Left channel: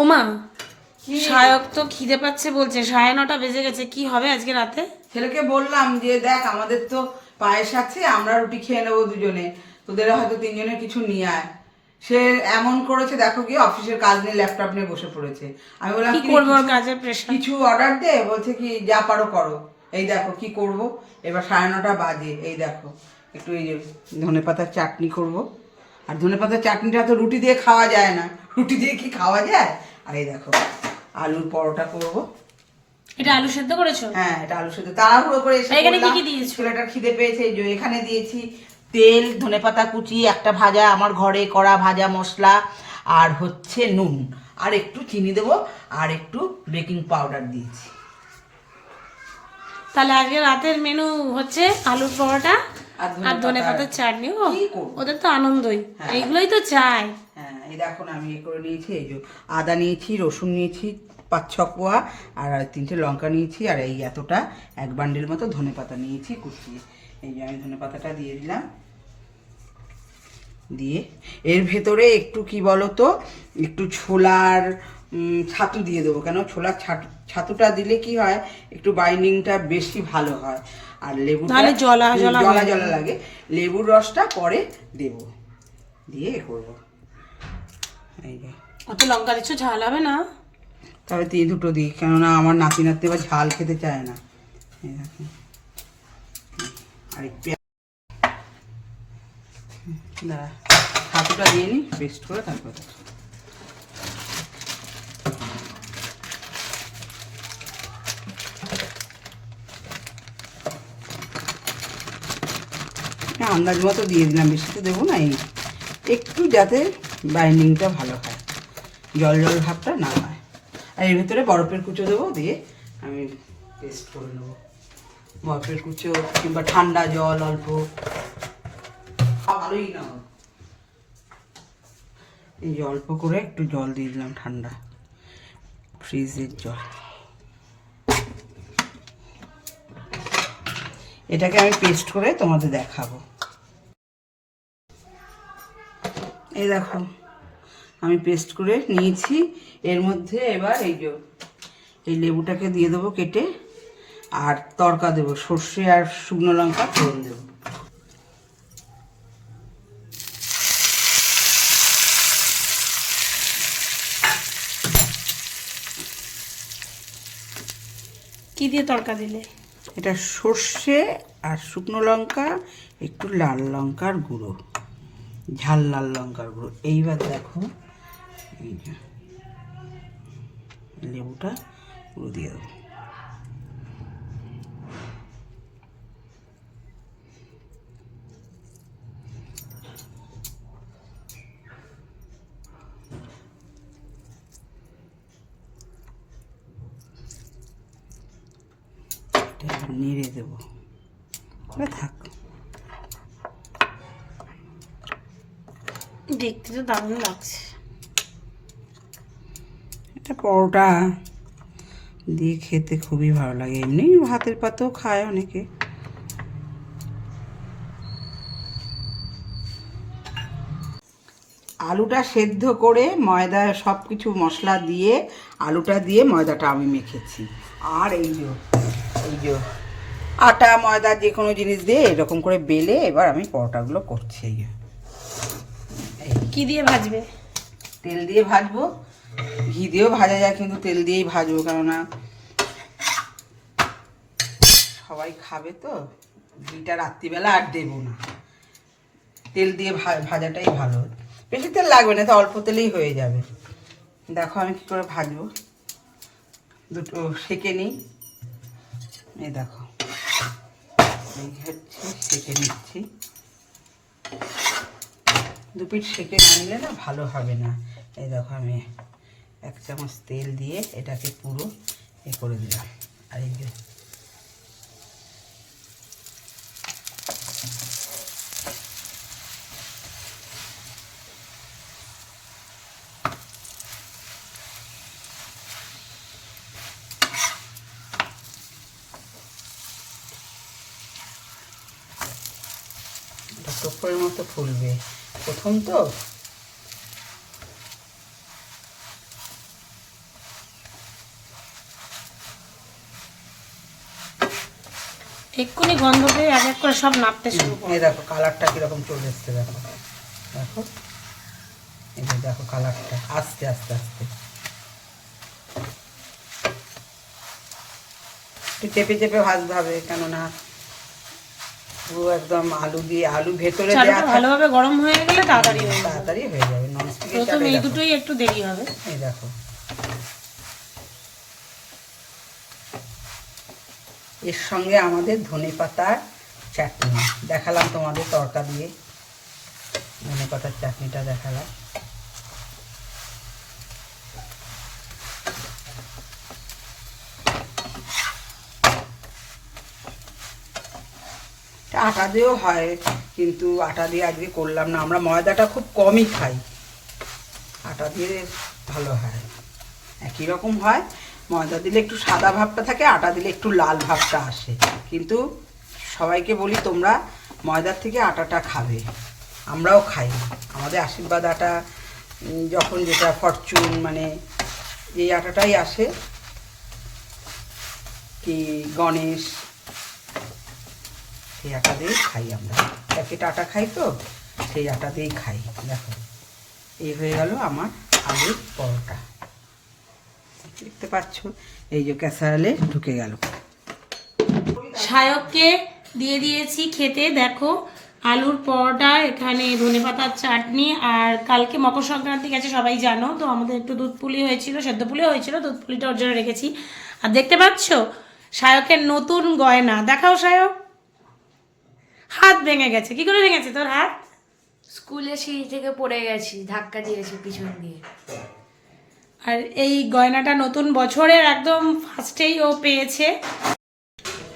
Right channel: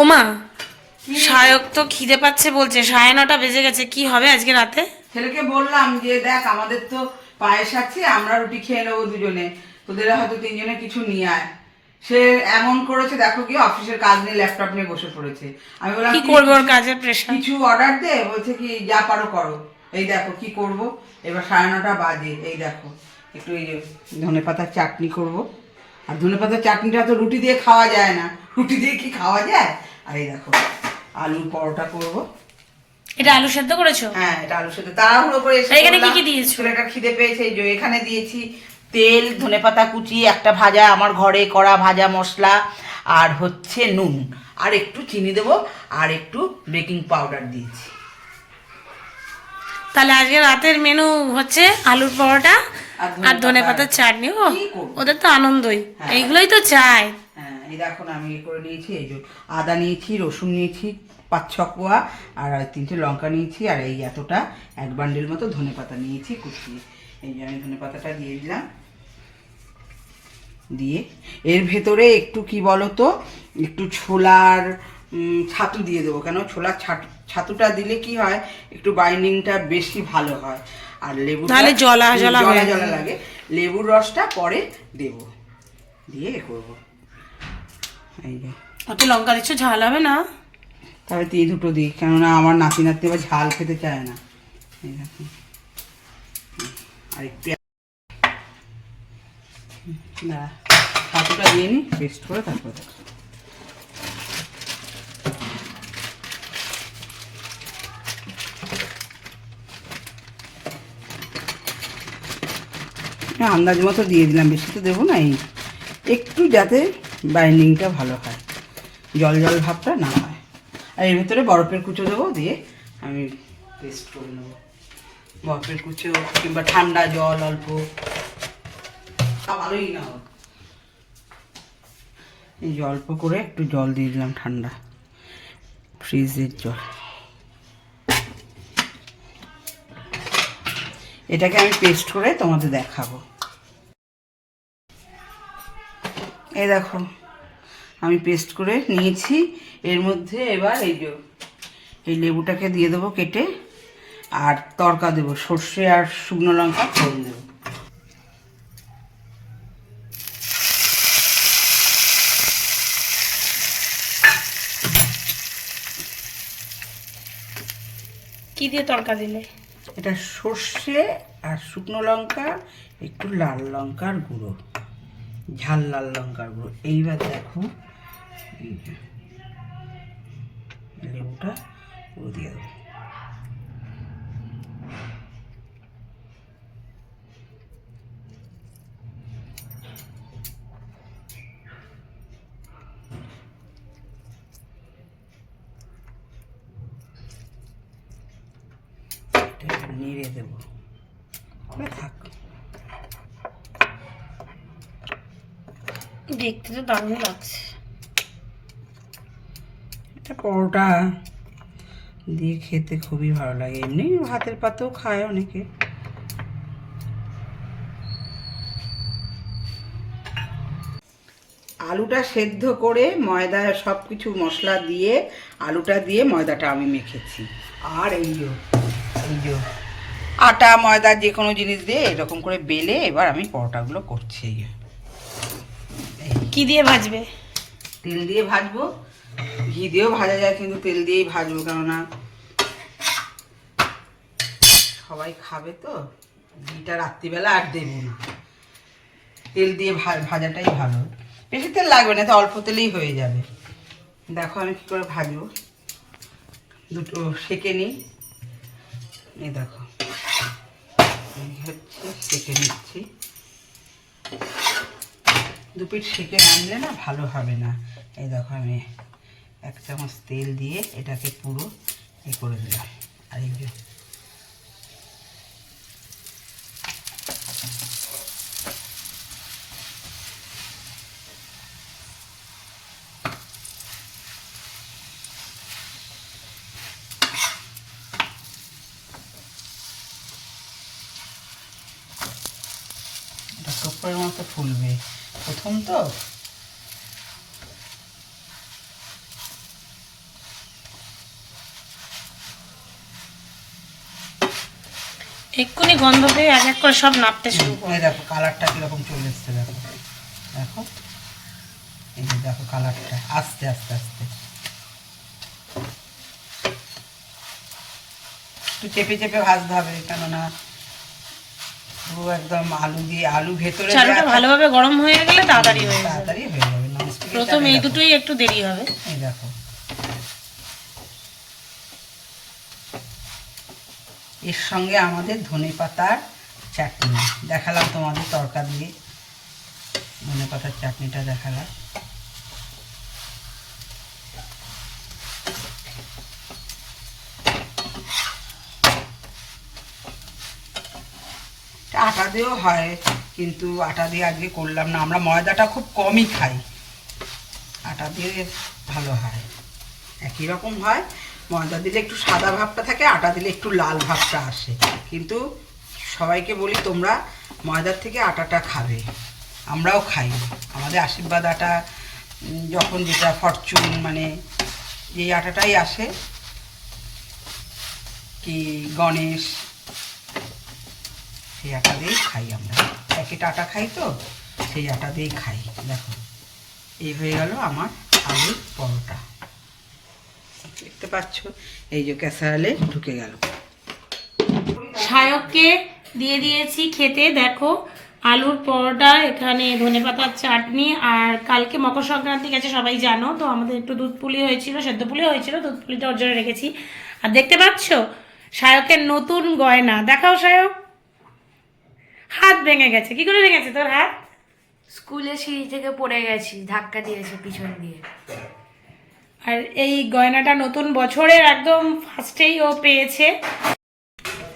ওমা সায়ক তো খিদে পাচ্ছে বলছে সাড়ে নটা বেজে গেছে কি হবে আজকে রাতে? ছেলেকে বললাম যে দেখ আমাদের তো পায়েস আছে আমরা রুটি খেয়ে নেব দুজনে। তোদের হয়তো তিনজনে কিছু নিয়ে আয়। সে এমন করেছে দেখো কি অফিসের কাজ নিয়ে ল্যাপটপ নিয়ে বসে পড়েছে। আমি বললাম কি "তুই করব ওর কাজের প্রেশার কিছু অর্ডার দে বলছে কি যা পারো করো। এই দেখো কি করব। এবার সাড়ে নটা বাজে এই দেখো। একটু এই যে ধনে পাতার চাটনি করব। আর ধনে পাতার চাটনিটা তো রুটি দিয়ে খাওয়া যায় না। রুটি দিয়ে কি খাওয়া যায়? আর এই দেখো আলুর পরোটা করব। এটা আলু সেদ্ধ করেছ? হ্যাঁ এটা আলুর সাথে তাড়াহুড়ো করে এসে এখানে কি কি দিয়েছ? ছেলেটা খিদে পেয়েছে এই যে এখানে দিয়েছি তেল ধনেপাতা কুচি একটা ভাজা আমার ঘরে করা ভাজা মশলা আর হচ্ছে নুন। আর একটু চিনি দেবো আর একটু বেকিং পাউডার দিয়েছি। তাহলে আজকে রাতের মেনু হচ্ছে আলুর পরোটা আর ধনে আর ধনে পাতা। পাতার চাটনি। ও ওদের তো আনন্দই। হ্যাঁ। এইগুলোই তো চাই। হ্যাঁ এই দেখুন আমি এ করে নিয়েছি এই যে আদা নিয়েছি রসুন নিয়েছি পাঁচ ছ কোয়া আর তিনটে লঙ্কা নিয়েছি আর এই এতটা এক বান্ডেল মতো ধনে পাতা নিয়েছি কুচিয়ে। এই যে আমি ধনে পাতাটা দিয়ে দিলাম। দিয়ে এর ভেতরে একটু কি বলো তো একটু ছোলার ছাতু দিয়ে দেবো। কেন? ছোলার ছাতু ছাতুটা দিলে কি হয় একটু বাইন্ডিংটা বেশি ভালো হয়। আর লেবু নাহলে জলা জলা হয়ে জলা লাগে। লেবুর রসটা পরে দেব। দিয়ে করব। এই যে। অত লঙ্কা দিচ্ছ ঝাল হবে না? তবে দিয়ে দুটো দিই কেননা আমার নাতি নাতি আবার ঝাল খেতে চায় না। এই দেখুন আর একটু দাঁড়া, ছাতুটা দিয়ে নিই পেস্ট করে তারপরে। আন্দাজ মতো দিয়ে দিলাম বেশি তো দেবো না এই একটু যাতে বাইন্ডিংটা ভালো হয়। জল জল ভাবটা না হয়। আর এর ভেতরে বরফের কুচো দেবো দিয়ে আমি পেস্ট করে নেব। বরফের কুচো কিংবা ঠান্ডা জল অল্প। ভালোই না হোক। এই অল্প করে একটু জল দিয়ে দিলাম ঠান্ডা। ফ্রিজের জল। এটাকে আমি পেস্ট করে তোমাদের দেখাবো। এই দেখো আমি পেস্ট করে নিয়েছি। এর মধ্যে এবার এই যে এই লেবুটাকে দিয়ে দেবো কেটে আর তরকা দেবো সর্ষে আর শুকনো লঙ্কা ফোড়ন দেবো। কি দিয়ে তড়কা দিলে? এটা সর্ষে আর শুকনো লঙ্কা একটু লাল লঙ্কার গুঁড়ো। ঝাল লাল লঙ্কার গুঁড়ো। এইবার দেখো, এই যে লেবুটা পুরো দিয়ে দেবো। নেড়ে দেবো। থাক দেখতে তো দারুণ লাগছে। এটা পরোটা। দিয়ে খেতে খুবই ভালো লাগে। এমনি ভাতের পাতেও খায় অনেকে। আলুটা সেদ্ধ করে ময়দা সব কিছু মশলা দিয়ে, আলুটা দিয়ে ময়দাটা আমি মেখেছি। আর এই যে এই যে আটা, ময়দা যে কোনো জিনিস দিয়ে এরকম করে বেলে এবার আমি পরোটাগুলো করছি। এই। কি দিয়ে ভাজবে? তেল দিয়ে ভাজবো। ঘি দিয়েও ভাজা যায়, কিন্তু তেল দিয়েই ভাজবো, কেননা সবাই খাবে তো। ঘিটা রাত্রিবেলা আর দেবো না। তেল দিয়ে ভাজাটাই ভালো। বেশি তেল লাগবে না তো অল্প তেলেই হয়ে যাবে। দেখো আমি কী করে ভাজবো। দুটো সেকে নিই। এই দেখো। হচ্ছে, সেকে নিচ্ছি। দু পিঠ সেকে না না ভালো হবে না। এই দেখো আমি এক চামচ তেল দিয়ে এটাকে পুরো এ করে দিলাম আর এই মতো ফুলবে। প্রথম তো? এক্ষুনি গন্ধ পেয়ে এক এক করে সব নাপতে শুরু করে। দেখো কালারটা কীরকম চলে এসছে দেখো। দেখো। এই যে দেখো কালারটা আস্তে আস্তে আস্তে একটু চেপে চেপে ভাজতে হবে কেননা পুরো একদম আলু দিয়ে আলু ভেতরে চালুটা ভালোভাবে গরম হয়ে গেলে তাড়াতাড়ি হয়ে যাবে। তাড়াতাড়ি হয়ে যাবে প্রথম এই দুটোই একটু দেরি হবে। এই দেখো। এর সঙ্গে আমাদের ধনে পাতার চাটনি দেখালাম তোমাদের তরকা দিয়ে। ধনে পাতার চাটনিটা দেখালাম। আটা দিয়েও হয়, কিন্তু আটা দিয়ে আজকে করলাম না। আমরা ময়দাটা খুব কমই খাই। আটা দিয়ে ভালো হয়। একই রকম হয়। ময়দা দিলে একটু সাদা ভাবটা থাকে, আটা দিলে একটু লাল ভাবটা আসে। কিন্তু সবাইকে বলি, তোমরা ময়দার থেকে আটাটা খাবে। আমরাও খাই। আমাদের আশীর্বাদ আটা যখন যেটা ফরচুন মানে এই আটাটাই আসে। কি গণেশ সেই আটা দিয়েই খাই আমরা। প্যাকেট আটা খাই তো, সেই আটা দিয়েই খাই। দেখো, এই হয়ে গেল আমার আলুর পরোটা। দেখতে পাচ্ছ, এই যে ক্যাসারালে ঢুকে গেল। সায়ককে দিয়ে দিয়েছি খেতে, দেখো। আলুর পরোটা, এখানে ধনেপাতার চাটনি, আর কালকে মকর সংক্রান্তি গেছে, সবাই জানো। তো আমাদের একটু দুধ পুলি হয়েছিল, সেদ্ধ পুলি হয়েছিল, দুধ পুলিটা ওর জন্য রেখেছি। আর দেখতে পাচ্ছ সায়কের নতুন গয়না। দেখাও সায়ক হাত ভেঙে গেছে। কি করে ভেঙেছে তোর হাত? স্কুলে সিঁড়ি থেকে পড়ে গেছি ধাক্কা দিয়েছে পিছন দিয়ে। আর এই গয়নাটা নতুন বছরের একদম ফার্স্টেই ও পেয়েছে।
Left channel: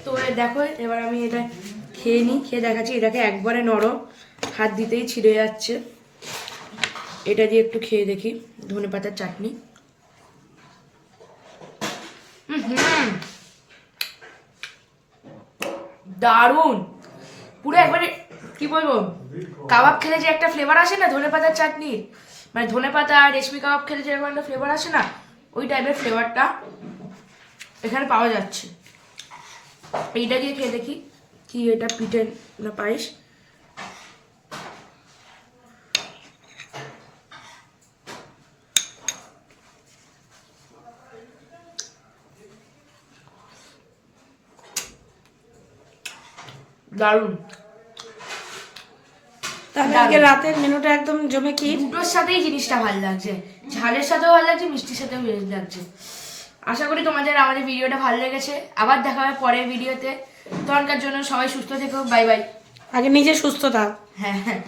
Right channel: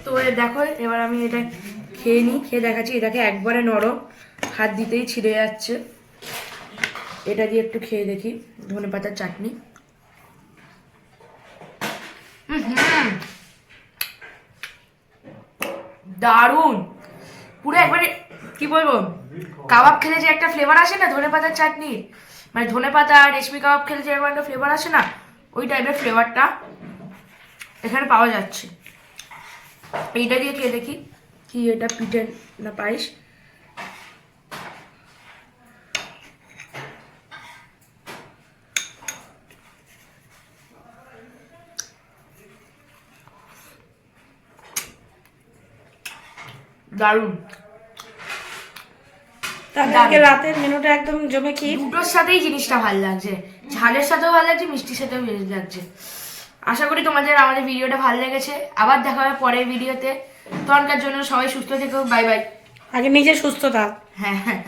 তো দেখো এবার আমি এটা খেয়ে নিই খেয়ে দেখাচ্ছি এটাকে একবারে নরম হাত দিতেই ছিঁড়ে যাচ্ছে। এটা দিয়ে একটু খেয়ে দেখি ধনে পাতার চাটনি। দারুণ! পুরো একবারে, কি বলব? কাবাব খেলে যে একটা ফ্লেভার আসে না, ধনে পাতার চাটনি? মানে ধনে পাতা, রেশমি কাবাব খেলে যে এরকম একটা ফ্লেভার আসে না, ওই টাইপের ফ্লেভারটা এখানে পাওয়া যাচ্ছে। এইটা দিয়ে খেয়ে দেখি, কি এটা পিঠে না পায়েস? দারুণ। তাহলে আজকে রাতের মেনুটা একদম জমে কি? দুটোর সাথেই জিনিসটা ভালো লাগছে। ঝালের সাথেও ভালো লাগছে মিষ্টির সাথেও ভালো লাগছে। আশা করি তোমাদের আমাদের ভিডিওটা ভালো লেগেছে। আবার দেখা হবে পরের ভিডিওতে। তখনকার জন্য সবাই সুস্থ থেকো বাই বাই। আগে নিজে সুস্থ থাক হ্যাঁ হ্যাঁ।